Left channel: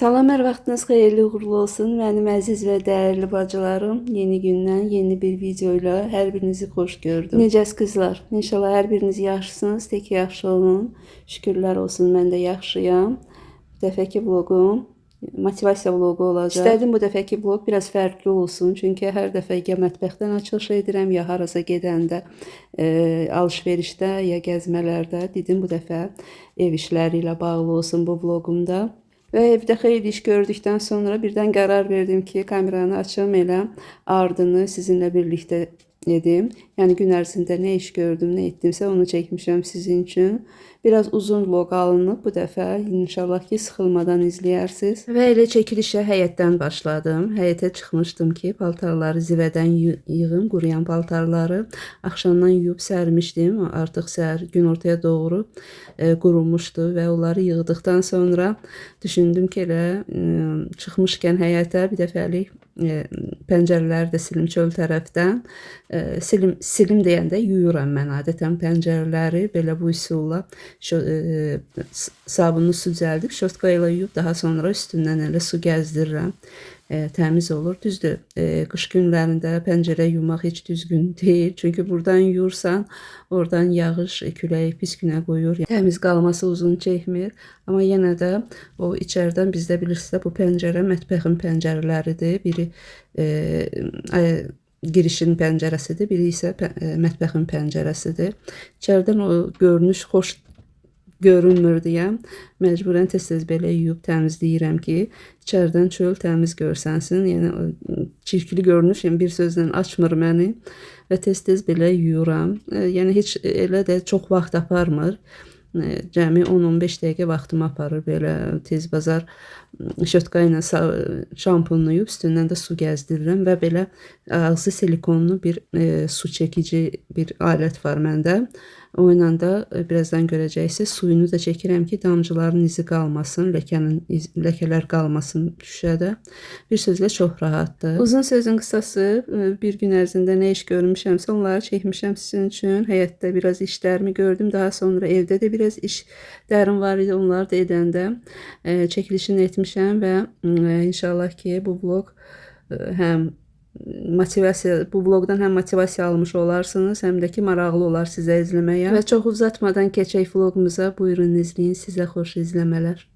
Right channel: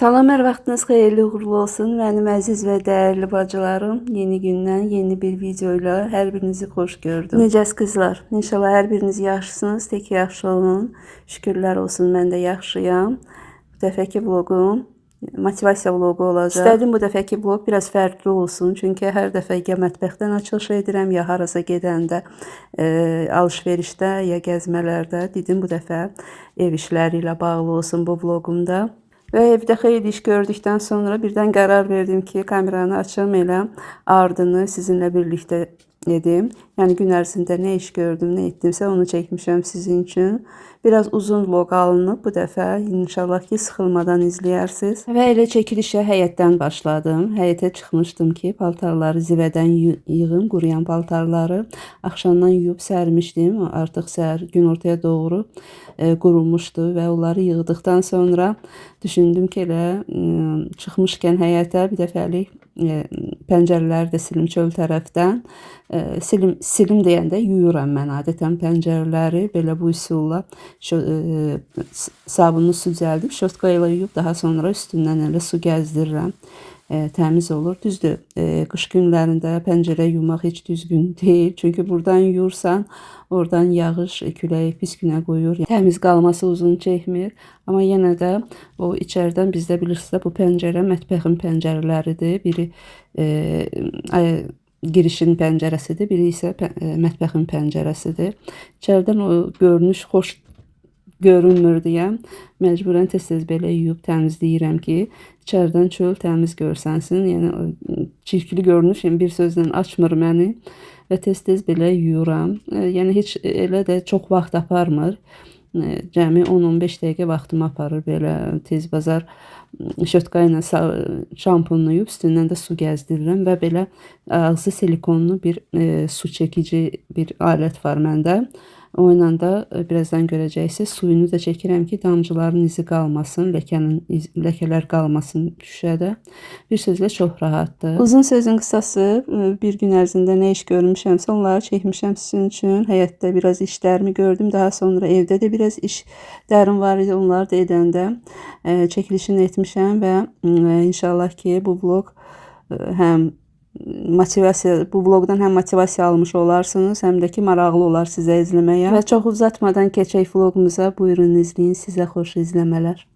Salam, hər vaxtınız xeyirli uğurlu olsun. Mənim əziz və dəyərli bacılarım, yeni gündən yeni bir video ilə hər birinizi xoş gördüm. Necəs qızlar? İnşallah hər biriniz yaxşısınız, tək yaxşı olun. Şükürlər olsun, mən də yaxşıyam. Bu dəfəki vloqum motivasiya vloqu olacaq. İstədim bu dəfəki vloq biraz fərqli olsun. Çünki hər dəfə ya mətbəxdən açılış edirəm, ya harasa gedəndə, alış-verişdə, ya gəzmələrdə. Dedim bu dəfə ev işləri ilə bağlı olsun bu vloqumda. Və evdə xeyli iş gördükdən sonra birdən qərar verdim ki, kameranı açım, elə ardını sizinlə birlikdə edim. Yəni gün ərzində nə iş gördüm, nə etdimsə onu çəkmişəm sizin üçün. Biraz uzun vlog alınıb bu dəfə. İnşallah ki, sıxılmadan izləyərsiniz. Və elə çəkilişə həyətdən başladım. Həyətə çıxmışdım ki, paltarları zivədən yığım, quruyan paltarları. Axşamdan yuyub sərmişdim. Artıq səhər gün ortaya doğru qurumuşdu və onları yığdıqdan sonra düşündüm ki, elə çıxmışkən həyətə bir dəfəlik pəncərələri də silim çöl tərəfdən. Silim deyəndə yuyuram mən adətən pəncərələri belə bu üsulla sabunlu su düzəldib şotka ilə yuyub daha sonra üstündən elə su gəzdirirəm. Təmiz olur. Düzdür, qış günlərində pəncərə yumaq heç düzgün deyil. Çünki buradan yuyursan, oradan yağış, külək pis günə qoyur. Təmiz qalması uzun çəkmir. Amma yenə də o içərdən bizdə bilirsiniz də bu pəncərə mətbəxin pəncərələridir. Biri girişin pəncərəsidir, biri isə mətbəxin pəncərəsidir. İçərdən o görünüş xoş görünmür deyə məcburən tez-tez belə yuyub təmizləyirəm ki, içərdən çöl təmiz görsənsin. Yəni çirkli görünüş bir sözlə açmır məni və tez-tez belə yuyuram. Yəni heç elə də çox vaxt aparmır. Cəmi 10-15 dəqiqə vaxtımı aparır belə tez bazar şotka ilə şampunlayıb üstündən də su gəzdirirəm və belə ağzı silikonlu bir su çəkici bir alət var məndə. O ilə də birazdan görəcəksiniz. Suyunu da çəkirəm ki, damcıların izi qalmasın, ləkələr qalmasın şüşədə. Bir sözlə çox rahatdır. Uzun sözün qısası, bir gün ərzində nə iş görmüşəmsə onları çəkmişəm sizin üçün. Həyətdə biraz işlərimi gördüm. Daha sonra evdə də biraz işlərim var idi. Onları da edəndə çəkilişini etmişəm və inşallah ki, bu vlog həm bu vloqdan həm motivasiya almış olarsınız, həm də ki, maraqlı olar sizə izləməyə. Və çox uzatmadan keçək vloqumuza. Buyurun izləyin. Sizə xoş izləmələr.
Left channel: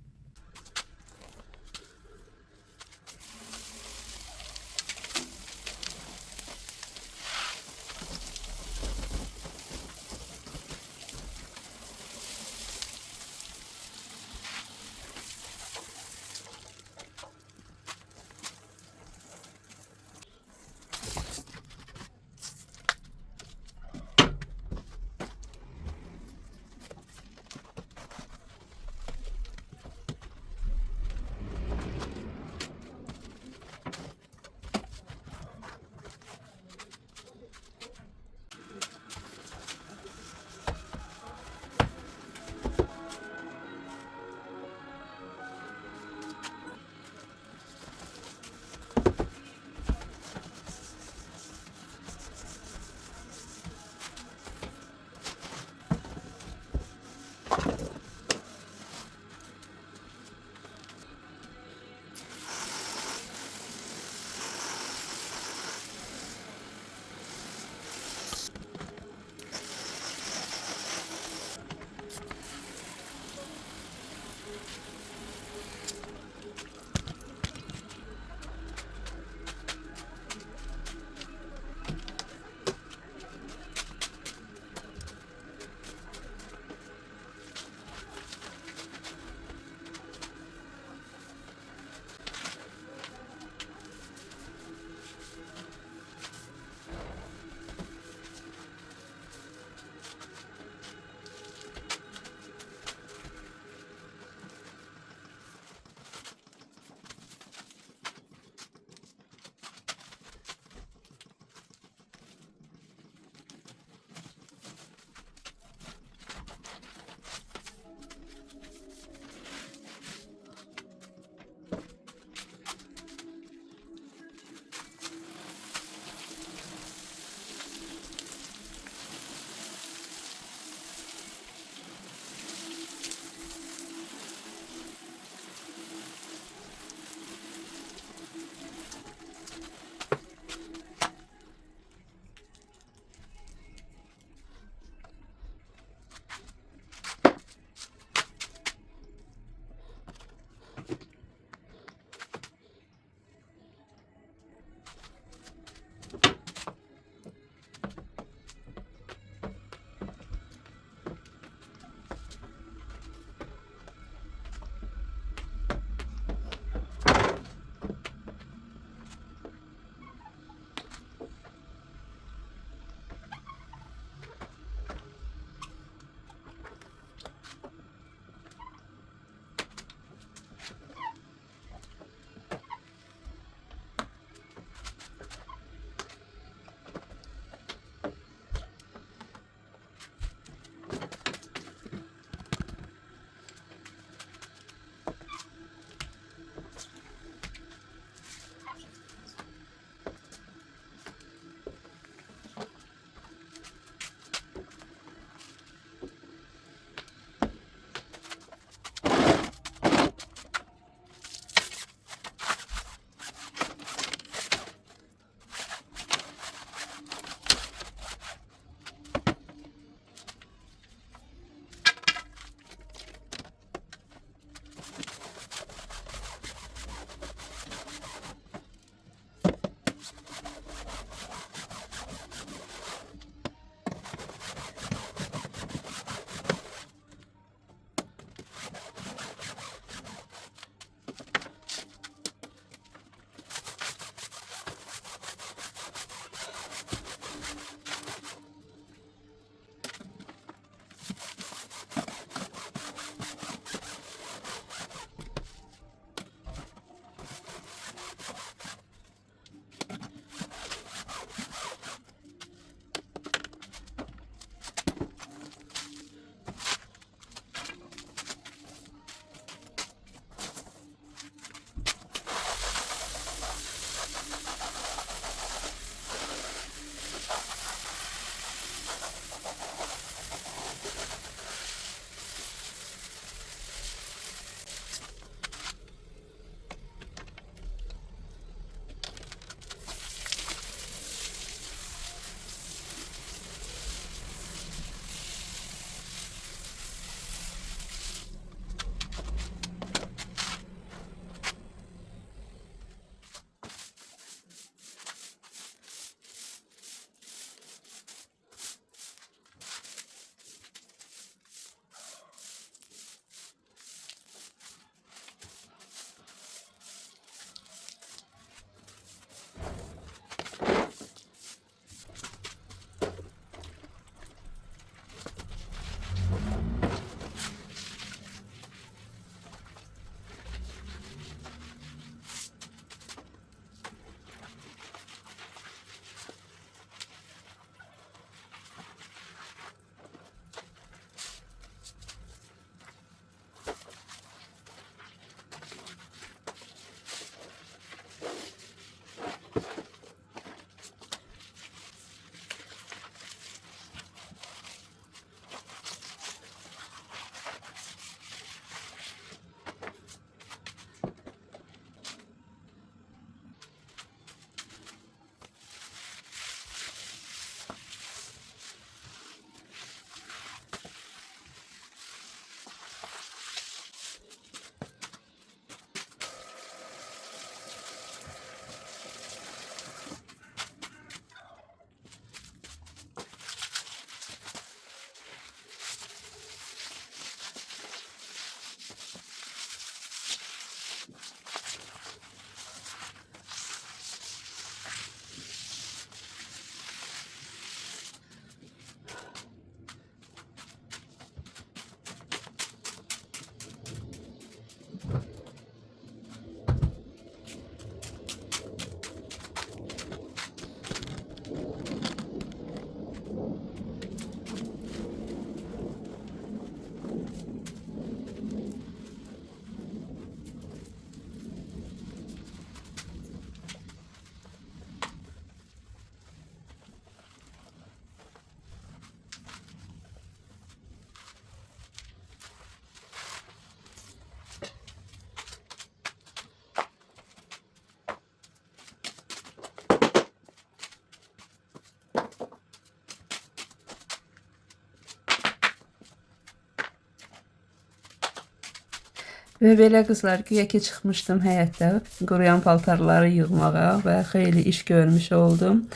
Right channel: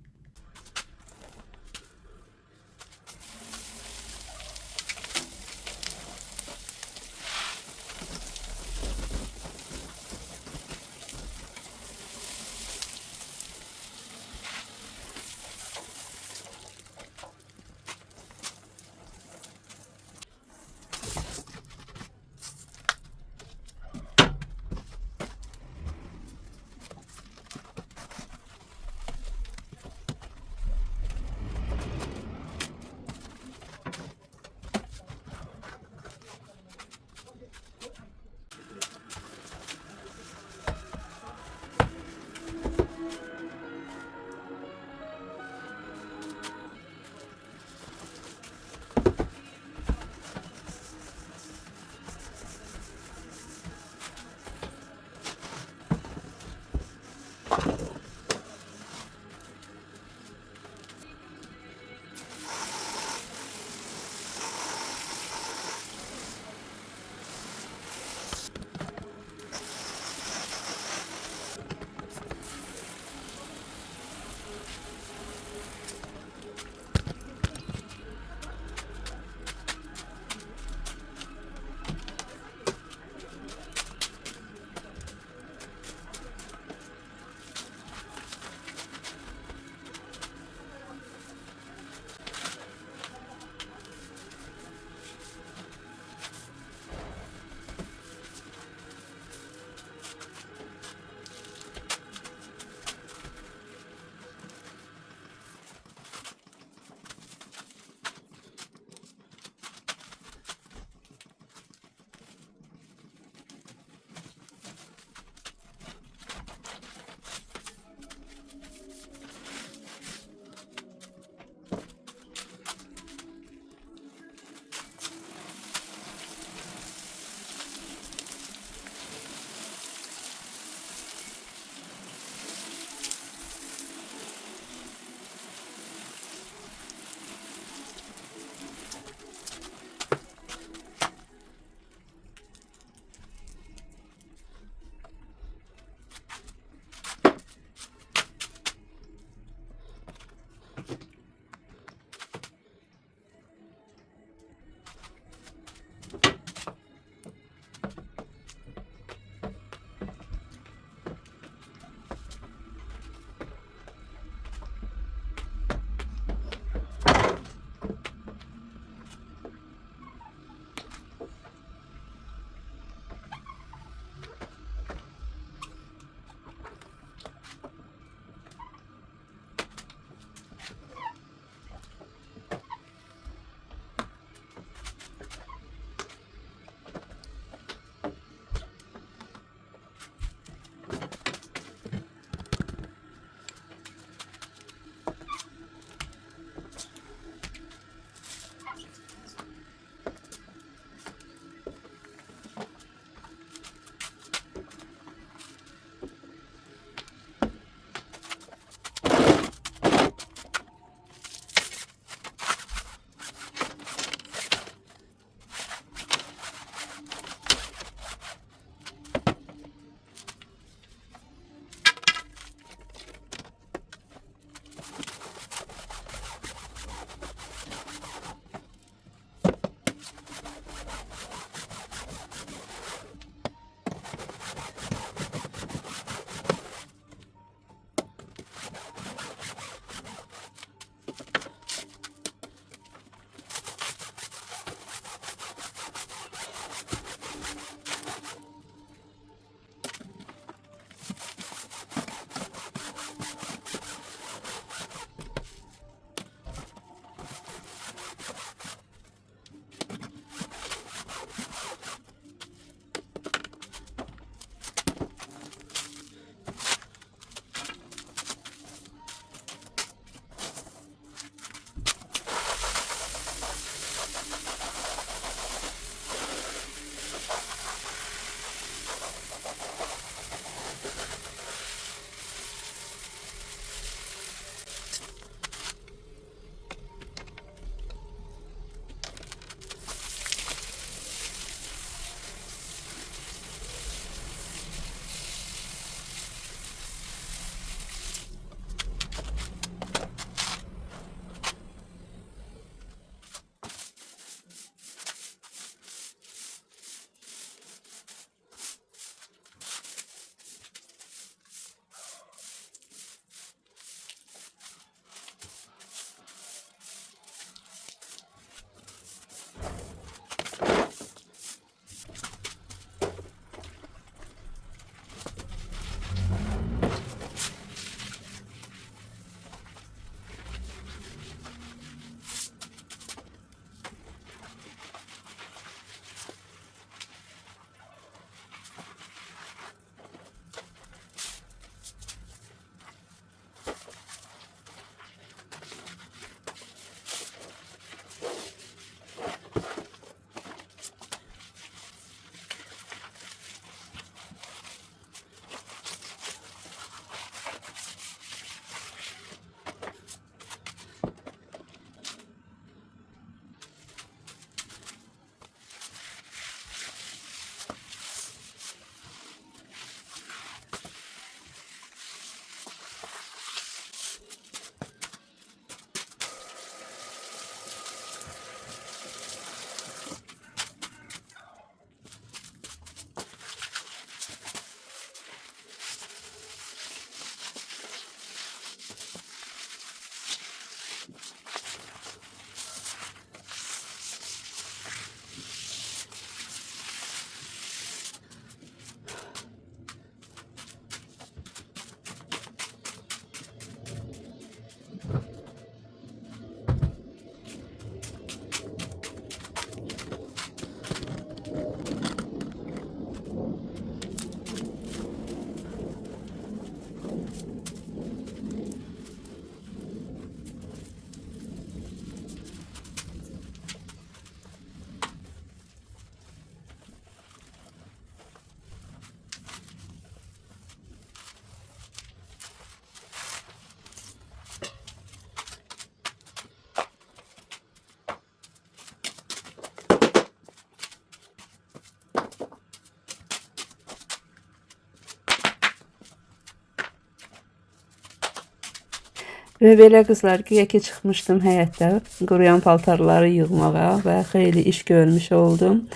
Və belə qızlar, güya ki çıxmışdım həyətdə quruyan paltarları yığmağa və xeyli iş görmüş oldum.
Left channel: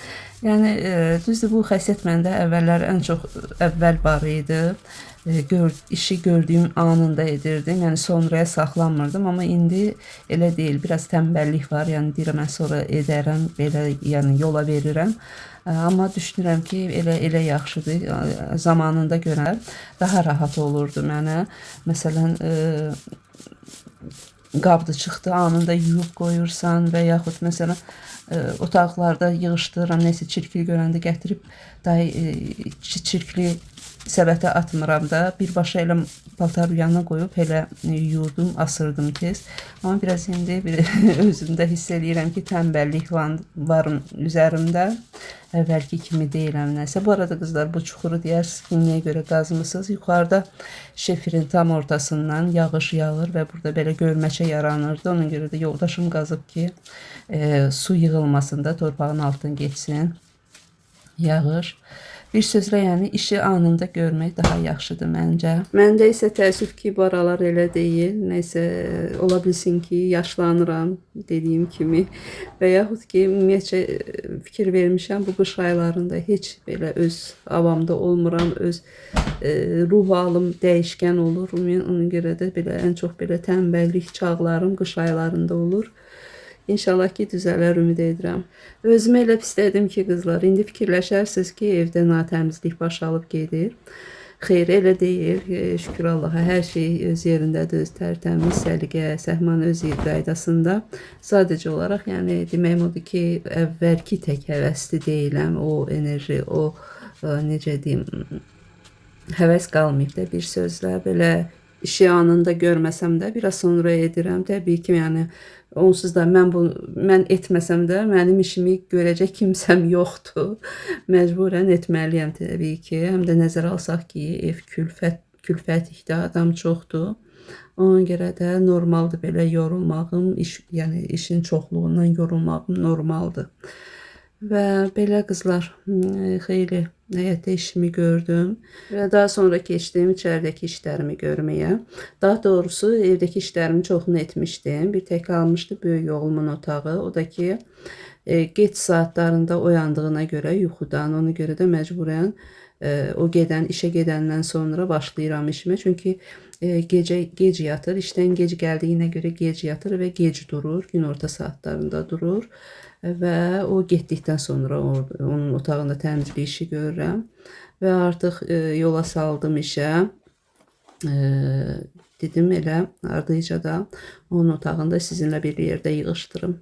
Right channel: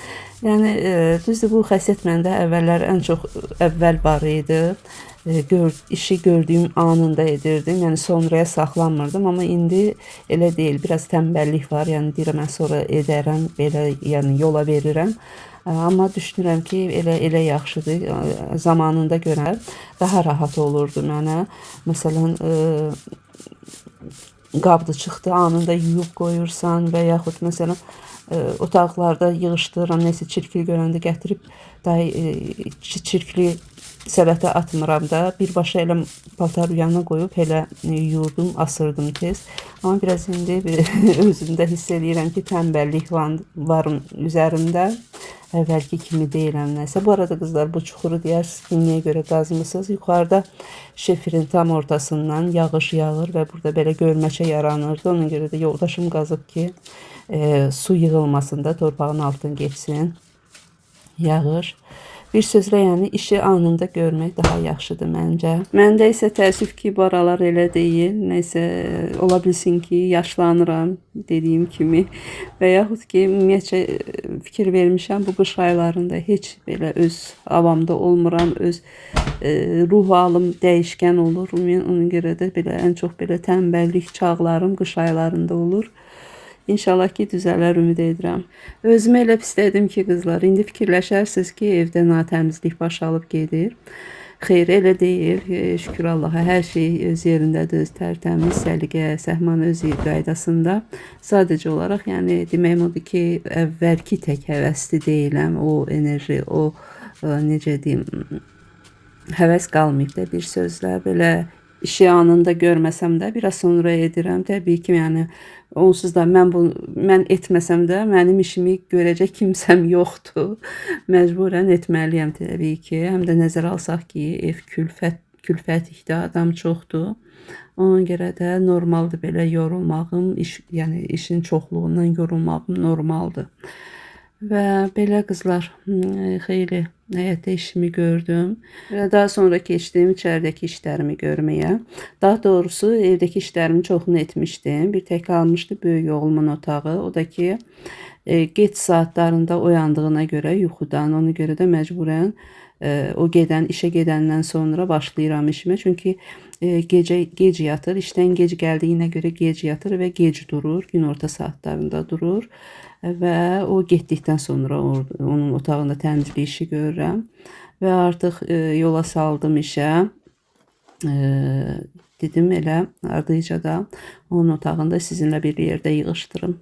Yəni düzdür, bu xəssiyyət məndə əvvəllər ən çox əvvəl var idi. İşi gördüyüm anında edirdim. Yəni sonraya saxlanmırdım, amma indi elə deyil. Biraz tənbəllik var. Yəni deyirəm mən sonra edərəm, belə yəni yola verirəm. Amma düşünürəm ki, elə yaxşıdır. Zamanında görə daha rahat olurdu mənə. Məsələn, qabdı çıxdı, anında yuyub qoyursan və yaxud məsələn otaqlarda yığışdırıram, nəsə çirkli görəndə gətirib çirkli səbətə atmıram da, birbaşa elə paltar yanına qoyub elə yuyurdum, asırdım tez. Amma biraz indi özümdə hiss edirəm ki, tənbəllik var üzərimdə. Əvvəlki kimi deyiləm nəsə. Bu arada qızlar, bu çuxuru deyərsiniz ki, niyə görə qazmısınız? Yuxarıda şefirin tam ortasından yağış yağır və burada belə gölməçə yaranırdı. Ona görə də yoldaşım qazıb ki, su yığılmasın da, torpağın altına geçsin. Yağır. Bir sözlə, yəni işi anında görmək daha yaxşıdır məncə. Məndə isə təəssüf ki, bu aralar elə deyil. Nəysə, ola bilsin ki, yaşlanıram dediyim kimi və yaxud ki, ümumiyyətcə fikir vermişəm bu qış aylarında heç belə öz avamda olmuram, öz ruh halım dəyişkən olur. Ona görə də belə ən çox belə tənbəllik çağlarım qış aylarında olur. İnşallah ki, düzələr ümid edirəm. Özümə elə pislədim ki, qızlar, indi fikirləşərsiniz ki, evdə natəmizlik baş alıb gedir. Xeyr, elə deyil. Şükür Allaha, hər şey öz yerindədir, öz tərtəmiz, səliqə, səhman öz qaydasında. Sadəcə olaraq, yəni deməyim odur ki, əvvəlki tək həvəsli deyiləm. O enerji, o necə deyim, həvəs qalmayıb da, bir sözlə. Belə işi anında görməsəm də, biraz sonra edirəm. Təbii ki, yəni onsuz da mən etməsəm də mənim işimi görəcək kimsəm yoxdur. Məcburən etməliyəm təbii ki. Həm də nəzərə alsaq ki, ev külfətlikdə adam çoxdur. Ona görə də normaldır belə yorulmağım, yəni işin çoxluğundan yorulmağım normaldır. Və belə qızlar, xeyli həyətdə işimi gördüm və daha sonra keçdim içəridəki işlərimi görməyə. Daha doğrusu evdəki işlərimin çoxunu etmişdim. Bir tək qalmışdı böyük oğlumun otağı. O da ki, geç saatlarında oyandığına görə yuxudan, ona görə də məcburən o işə gedəndən sonra başlayıram işimə. Çünki gec yatır, işdən gec gəldiyinə görə gec yatır və gec durur, gün orta saatlarında durur. Və o getdikdən sonra onun otağında təmizlik işi görürəm və artıq yola saldım işə. Dedim elə ardıca da onun otağında sizinlə bir yerdə yığışdırım.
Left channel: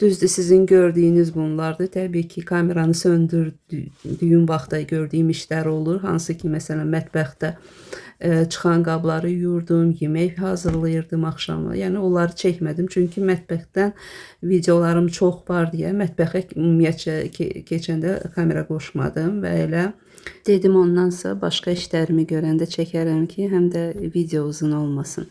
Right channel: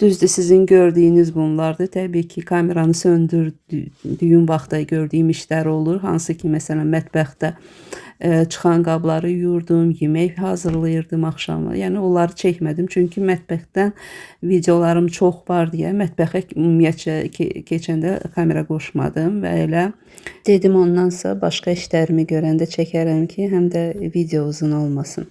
Düzdür, sizin gördüyünüz bunlardır. Təbii ki, kameranı söndürdüyüm vaxtda gördüyüm işlər olur. Hansı ki, məsələn, mətbəxdə çıxan qabları yuyurdum, yemək hazırlayırdım axşamı. Yəni onları çəkmədim, çünki mətbəxdən videolarım çox var deyə mətbəxə ümumiyyətcə keçəndə kamera qoşmadım və elə dedim ondansa başqa işlərimi görəndə çəkərəm ki, həm də video uzun olmasın.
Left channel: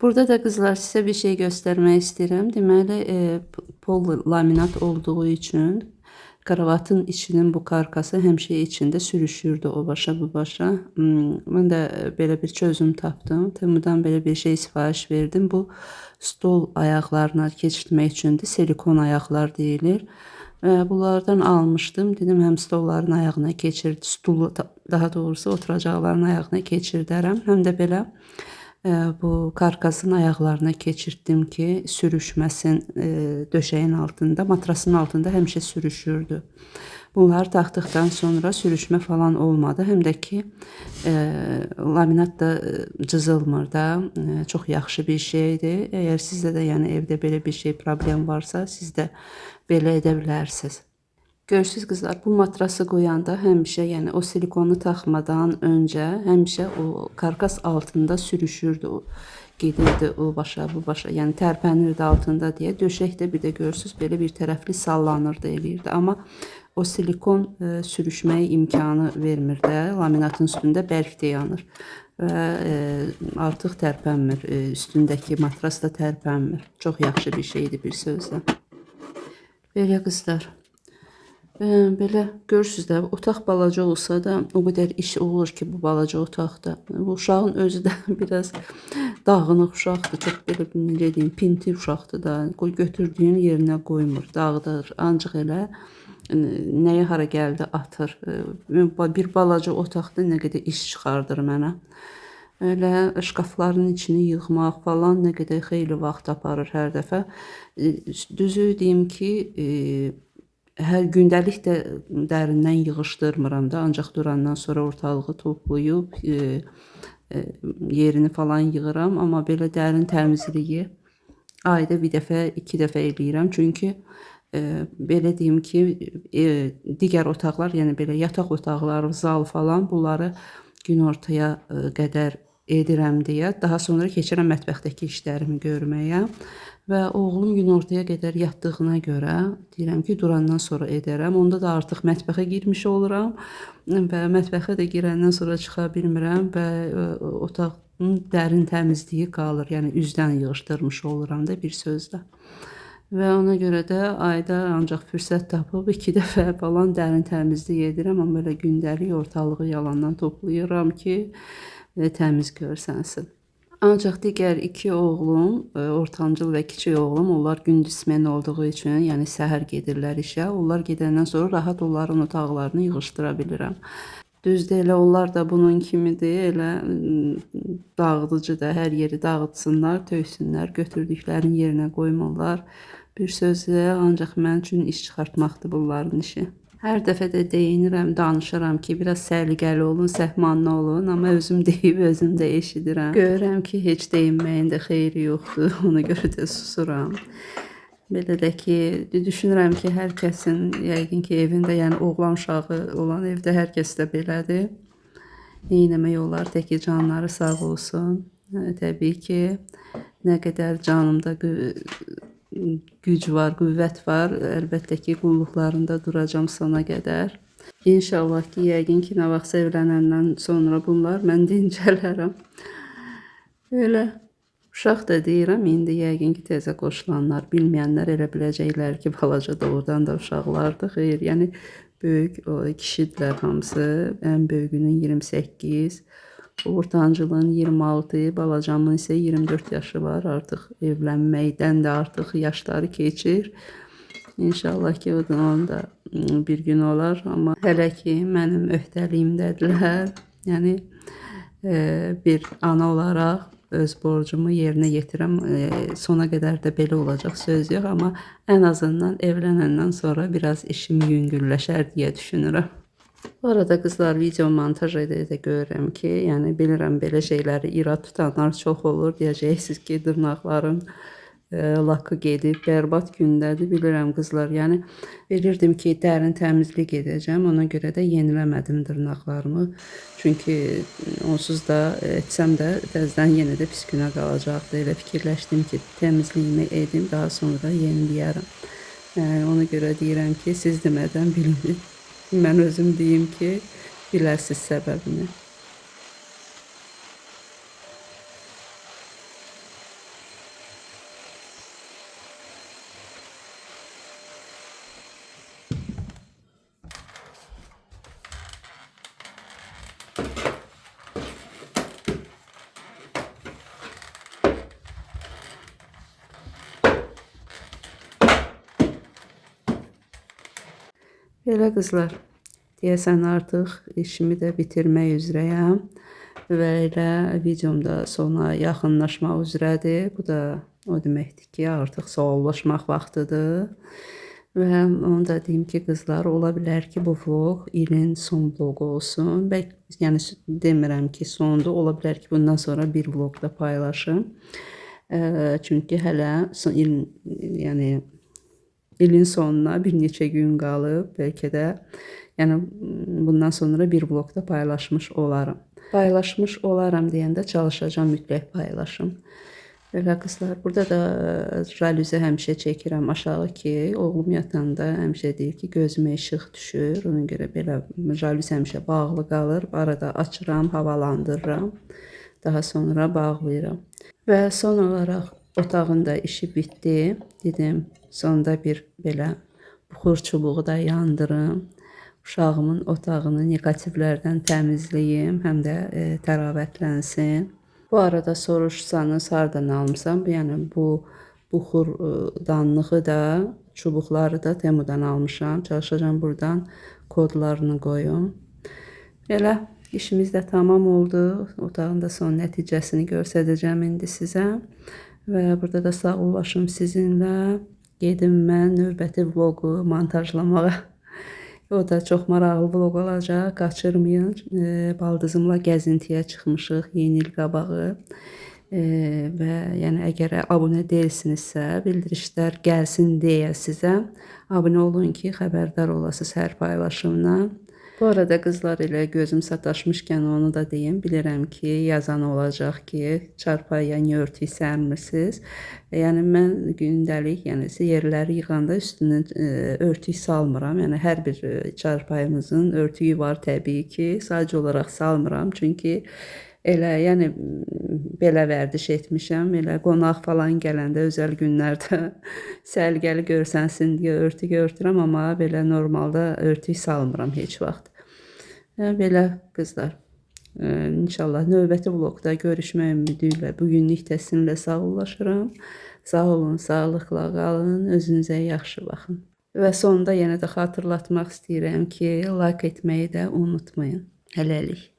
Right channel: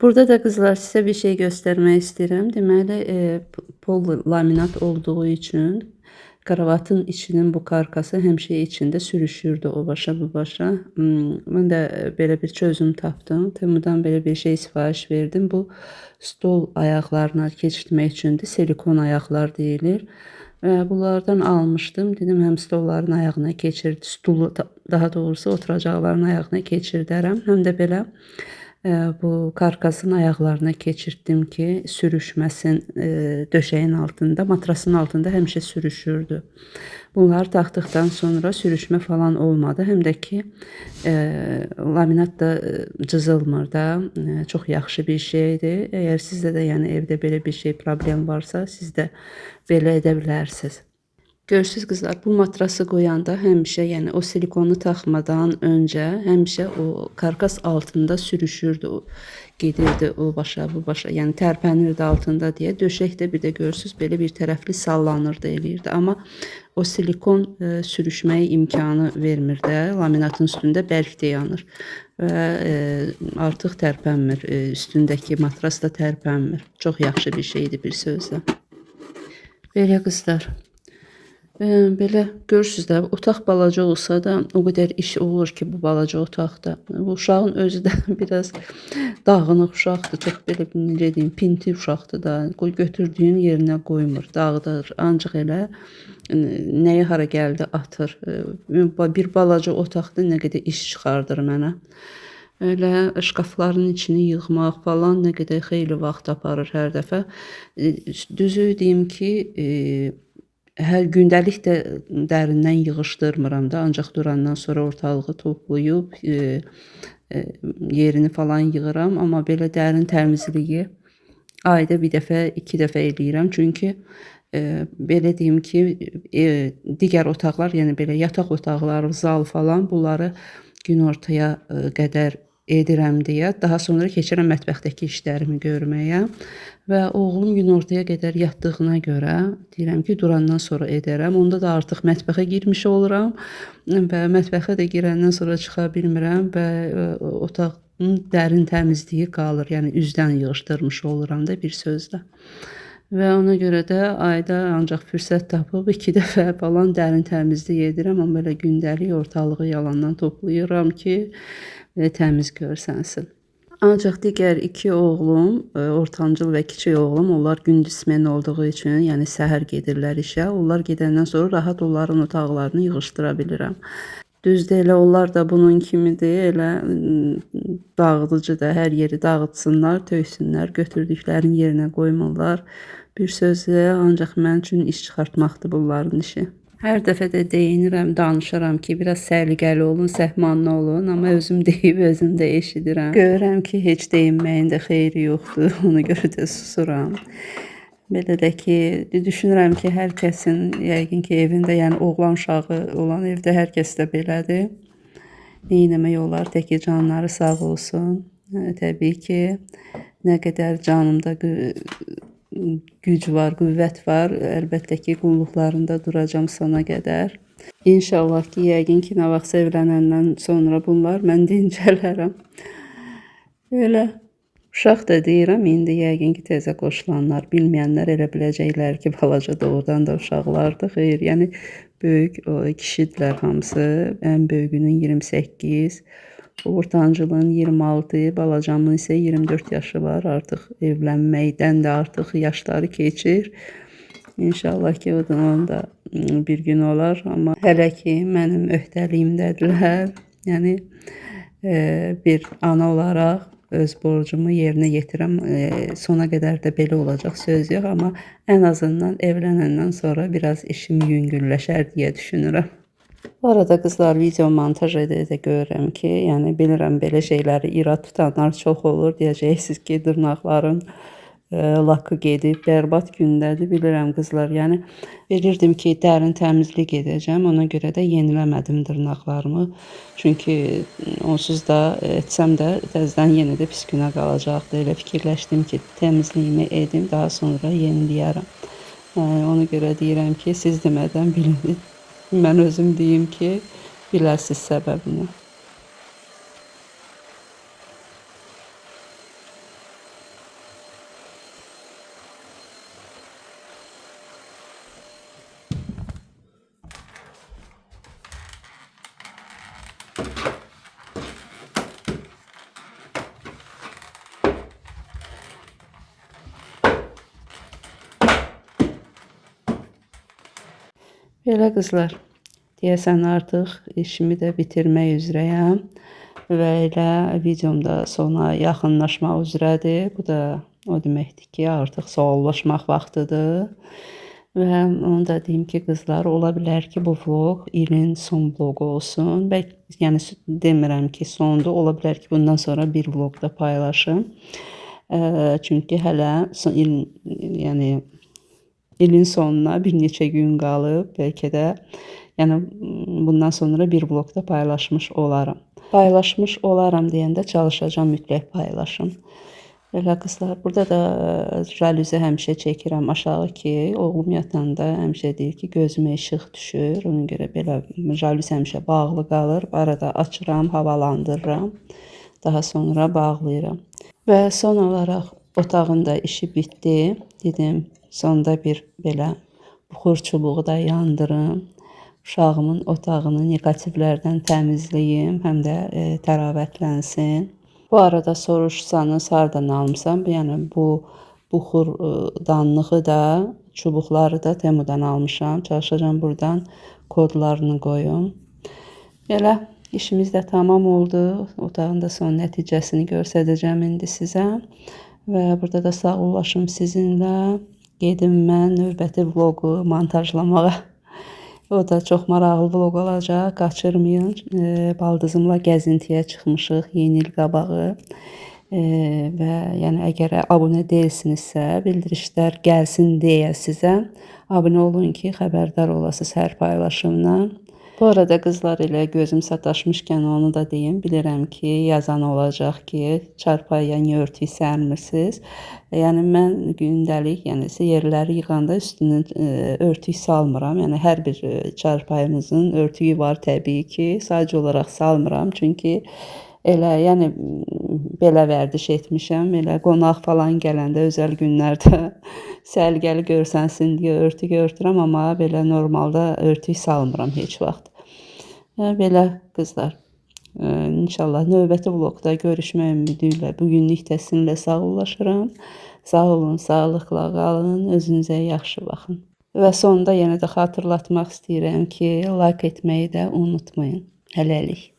Burada da kızlar size bir şey göstermek istedim. Deməli, pol laminat olduğu için kravatın içinin bu karkası həmişə içində sürüşürdü o başa bu başa. Mən də belə bir çözüm tapdım. Temudan belə bir şey sifariş verdim. Bu stol ayaqlarına keçirtmək üçündür. Silikon ayaqlar deyilir. Bunlardan almışdım. Dedim həm stolların ayağına keçir, stulu daha doğrusu oturacaqların ayağına keçirdərəm. Həm də belə bu karkasın ayaqlarına keçirtdim ki, sürüşməsin döşəyin altında, matrasın altında həmişə sürüşürdü. Bunları taxdıqdan sonra sürüşmə falan olmadı. Həm də ki, laminat da cızılmır da, çox yaxşı bir şeydir. Əgər sizdə də yəni evdə belə bir şey problem varsa, siz də belə edə bilərsiniz. Görürsüz kızlar, bu matrası qoyanda həmişə, yəni o silikonu taxmadan öncə həmişə o karkas altında sürüşürdü, o gedirdi o başa bu başa, yəni tərpənirdi altında deyə. Döşək də bir də görürsüz belə bir tərəfli sallanırdı eləyirdi. Amma o silikon sürüşməyə imkanı vermir də. Laminatın üstündə bərk də yanır və artıq tərpənmir. Üstündəki matras da tərpənmir. Çox yaxşı bir şeydir bir sözlə. Belə qızlar. Belə görürsüz də, otaq balaca olsa da o qədər iş olur ki bu balaca otaqda. Bu uşağın özü də biraz dağınıq uşaqdır. Çox belə necə deyim, pinti uşaqdır da. Götürdüyün yerinə qoymur, dağıdır. Ancaq elə nəyə hara gəldi atır. Bir balaca otaqda nə qədər iş çıxardır mənə. Elə şkafların içini yığmaq falan nə qədər xeyli vaxt aparır hər dəfə. Düzü deyim ki, hər gündəlik də dərindən yığışdırmıram da, ancaq durandan sonra ortalığı toplayıb yerini falan yığıram, amma belə dərin təmizliyi ayda bir dəfə, 2 dəfə eləyirəm. Çünki belə deyim ki, digər otaqlar, yəni belə yataq otaqları, zal falan, bunları günortaya qədər edirəm deyə, daha sonra keçirəm mətbəxdəki işlərimi görməyə. Və oğlum günortaya qədər yatdığına görə deyirəm ki, durandan sonra edərəm. Onda da artıq mətbəxə girmiş oluram və mətbəxə də girəndən sonra çıxa bilmirəm və otağın dərin təmizliyi qalır. Yəni üzdən yığışdırmış oluram da bir sözlə. Və ona görə də ayda ancaq fürsət tapıb 2 dəfə falan dərin təmizlik edirəm. Amma belə gündəlik ortalığı yalandan toplayıram ki, təmiz görsənsin. Ancaq digər 2 oğlum, ortancıl və kiçik oğlum, onlar gündüz smen olduğu üçün, yəni səhər gedirlər işə. Onlar gedəndən sonra rahat onların otaqlarını yığışdıra bilirəm. Düzdür, elə onlar da bunun kimidir, elə dağıdıcı da, hər yeri dağıtsınlar, töysünlər, götürdüklərini yerinə qoymurlar. Bir sözlə, ancaq mən üçün iş çıxartmaqdır bunların işi. Hər dəfə də deyinirəm, danışıram ki, biraz səliqəli olun, səhmanlı olun, amma özüm deyib, özüm də eşidirəm. Görürəm ki, heç deyinməyin də xeyri yoxdur, ona görə də susuram. Belə də ki, düşünürəm ki, hər kəsin, yəqin ki, evində, yəni oğlan uşağı olan evdə hər kəs də belədir. Neynəmək olar, təki canları sağ olsun. Təbii ki, nə qədər canımda güc var, qüvvət var. Əlbəttə ki, qulluqlarında duracam sona qədər. İnşallah ki, yəqin ki, nə vaxt evlənəndən sonra bunlar mən dincələrəm. Belə uşaq da deyirəm, indi yəqin ki, təzə qoşulanlar, bilməyənlər elə biləcəklər ki, balaca doğrudan da uşaqlardır. Xeyr, yəni böyük kişidirlər hamısı. Ən böyüyünün 28, ortancılığın 26, balacamın isə 24 yaşı var. Artıq evlənməkdən də artıq yaşları keçir. İnşallah ki, onun da bir gün olar. Amma hələ ki, mənim öhdəliyimdədirlər. Yəni, bir ana olaraq öz borcumu yerinə yetirəm. Sona qədər də belə olacaq, söz yox. Amma ən azından evlənəndən sonra biraz işim yüngülləşər deyə düşünürəm. Bu arada qızlar, video montaj edə görürəm ki, yəni bilirəm belə şeyləri irad tutanlar çox olur. Deyəcəksiniz ki, dırnaqların lakı gedib, bərbad gündədir. Bilirəm qızlar, yəni bilirdim ki, dərin təmizlik edəcəm. Ona görə də yeniləmədim dırnaqlarımı. Çünki onsuz da etsəm də təzədən yenə də pis günə qalacaqdı. Elə fikirləşdim ki, təmizliyimi edim, daha sonra yeniləyərəm. Ona görə deyirəm ki, siz demədən bilin. Mən özüm deyim ki, biləsiz səbəbini. Belə qızlar, deyəsən artıq işimi də bitirmək üzrəyəm və elə videom da sona yaxınlaşmaq üzrədir. Bu da o deməkdir ki, artıq sağollaşmaq vaxtıdır. Və onu da deyim ki, qızlar, ola bilər ki, bu vlog ilin son vlogu olsun. Yəni demirəm ki, sondur. Ola bilər ki, bundan sonra bir vlog da paylaşım. Çünki hələ yəni ilin sonuna bir neçə gün qalıb, bəlkə də yəni bundan sonra bir vlogda paylaşmış olaram. Paylaşmış olaram deyəndə çalışacağam mütləq paylaşım. Belə qızlar, burada da jalüzi həmişə çəkirəm aşağı ki, oğlum yatanda həmişə deyir ki, gözümə işıq düşür. Ona görə belə jalüz həmişə bağlı qalır. Arada açıram, havalandırıram. Daha sonra bağlayıram. Və son olaraq otağın da işi bitdi. Dedim, sonda bir belə buxur çubuğu da yandırım. Uşağımın otağını negativlərdən təmizləyim, həm də təravətlənsin. Bu arada soruşsanız hardan almışam? Yəni bu buxur danlığı da, çubuqları da Temu'dan almışam. Çalışacağım buradan kodlarını qoyum. Belə işimiz də tamam oldu. Otağın da son nəticəsini göstərəcəm indi sizə. Və burada da sağollaşım sizinlə. Gedim mən növbəti vlogu montajlamağa. O da çox maraqlı vlog olacaq. Qaçırmayın. Baldızımla gəzintiyə çıxmışıq yeni il qabağı. Və yəni əgər abunə deyilsinizsə, bildirişlər gəlsin deyə sizə abunə olun ki, xəbərdar olasınız hər paylaşımdan. Bu arada qızlar ilə gözüm sataşmışkən onu da deyim. Bilirəm ki, yazan olacaq ki, çarpayıya niyə örtük sərmirsiniz? Yəni mən gündəlik, yəni yerləri yığanda üstünə örtük salmıram. Yəni hər bir çarpayımızın örtüyü var təbii ki. Sadəcə olaraq salmıram. Çünki elə yəni belə vərdiş etmişəm. Elə qonaq falan gələndə özəl günlərdə sərgəli görsənsin deyə örtük örtürəm, amma belə normalda örtük salmıram heç vaxt. Belə qızlar. İnşallah növbəti vlogda görüşmək ümidi ilə bugünlük də sizinlə sağollaşıram. Sağ olun, sağlıqla qalın, özünüzə yaxşı baxın. Və sonda yenə də xatırlatmaq istəyirəm ki, like etməyi də unutmayın. Hələlik.